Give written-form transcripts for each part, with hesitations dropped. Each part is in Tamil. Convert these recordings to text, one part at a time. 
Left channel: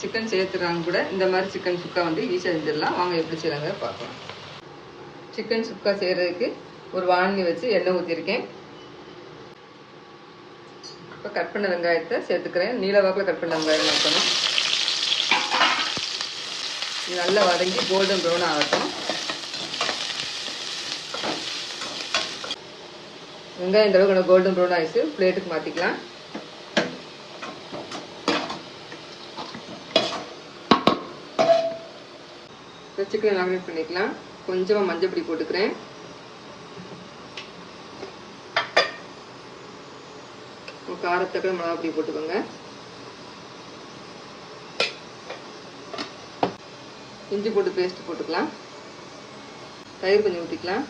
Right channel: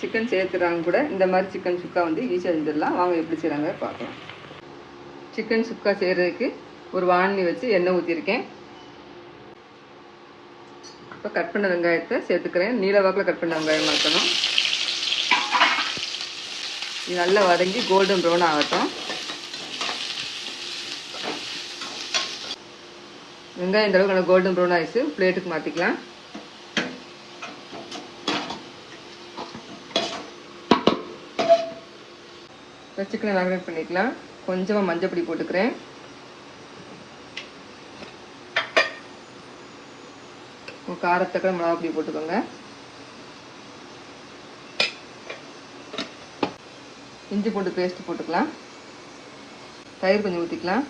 சிக்கன் சேர்த்துறாங்க கூட இந்த மாதிரி சிக்கன் சுக்கா வந்து ஈஸியாக செஞ்சிடலாம். வாங்க எப்படி செய்கிறாங்க பார்க்கலாம். சிக்கன் சுக்கா செய்கிறதுக்கு ஒரு வானலி வச்சு எண்ணெய் ஊற்றிருக்கேன். இப்போ கட் பண்ண வெங்காயத்தை சேர்த்துக்கிறேன். நீல வாக்கில் கட் பண்ண வெங்காயம் இருக்கணும். நல்லா வதங்கி கோல்டன் ப்ரௌன் ஆகட்டும். வெங்காயம் இந்த அளவுக்கு நல்லா கோல்டன் ப்ரௌன் ஆகிடுச்சு. பிளேட்டுக்கு மாற்றிக்கலாம். சிக்கனை மேரினேட் பண்ணிக்கலாம். கொஞ்சமாக மஞ்சள் பொடி போட்டுக்கிறேன். காரத்தக்க மிளகா பொடி போட்டுக்கோங்க. இஞ்சி போட்டு பேஸ்ட் போட்டுக்கலாம். தயிர் கொஞ்சம் ஊற்றிக்கலாம்.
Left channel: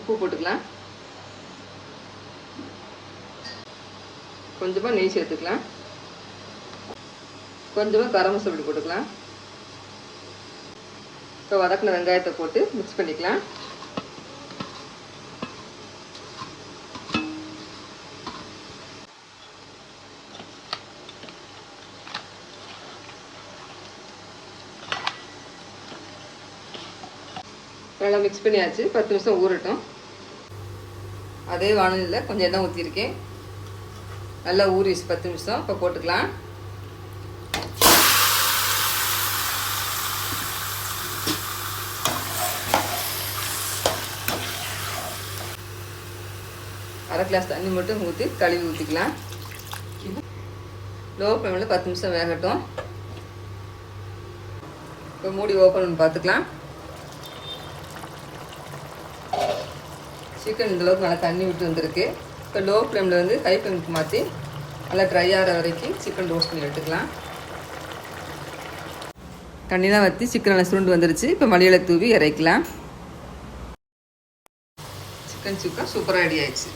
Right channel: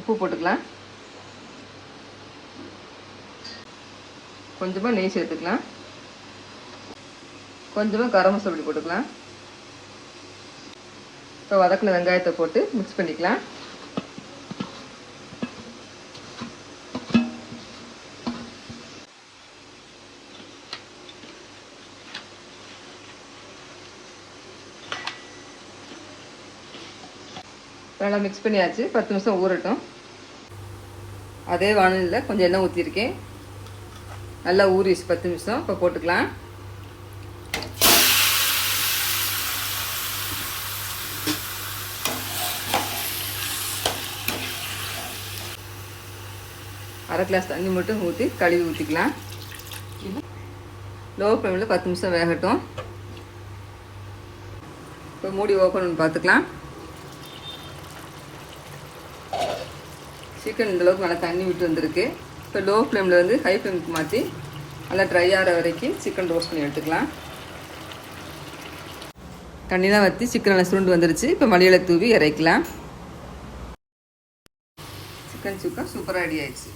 உப்பு போட்டுக்கலாம். கொஞ்சமாக நெய் சேர்த்துக்கலாம். கொஞ்சமாக கரம் மசாலா போட்டுக்கலாம். இப்போ வதக்கின வெங்காயத்தை போட்டு மிக்ஸ் பண்ணிக்கலாம். நல்லா மிக்ஸ் பண்ணியாச்சு. 10 நிமிஷம் ஊறட்டும். அதே வானலில் கொஞ்சம் எண்ணெய் ஊற்றிருக்கேன். நல்லா ஊறிச்சு 10 நிமிஷம். இப்போ போட்டுக்கலாம். அரை கிளாஸ் தண்ணி மட்டும் ஊற்றி கழுவி ஊற்றிக்கலாம். லோ ஃப்ளேமில் 10 நிமிஷம் வேகட்டும். இப்போ மூடி ஓப்பன் பண்ணி பார்த்துக்கலாம். சிக்கன் இந்தளவுக்கு நல்லா தண்ணி விட்டு வந்திருக்கு. இப்போ லோ ஃப்ளேமில் வந்து ஹை ஃப்ளேமுக்கு மாற்றி நல்லா ட்ரை ஆகிற வரைக்கும் சிக்கன் ரோஸ்ட் பண்ணி எடுத்துக்கலாம். தண்ணி தான் வற்றி சிக்கன் நல்லா சுருண்டு வந்துருச்சு. இப்போ மல்லியிலை தூவி இறக்கலாம். சிக்கன் சுக்கா சூப்பராக ரெடி ஆயிடுச்சு.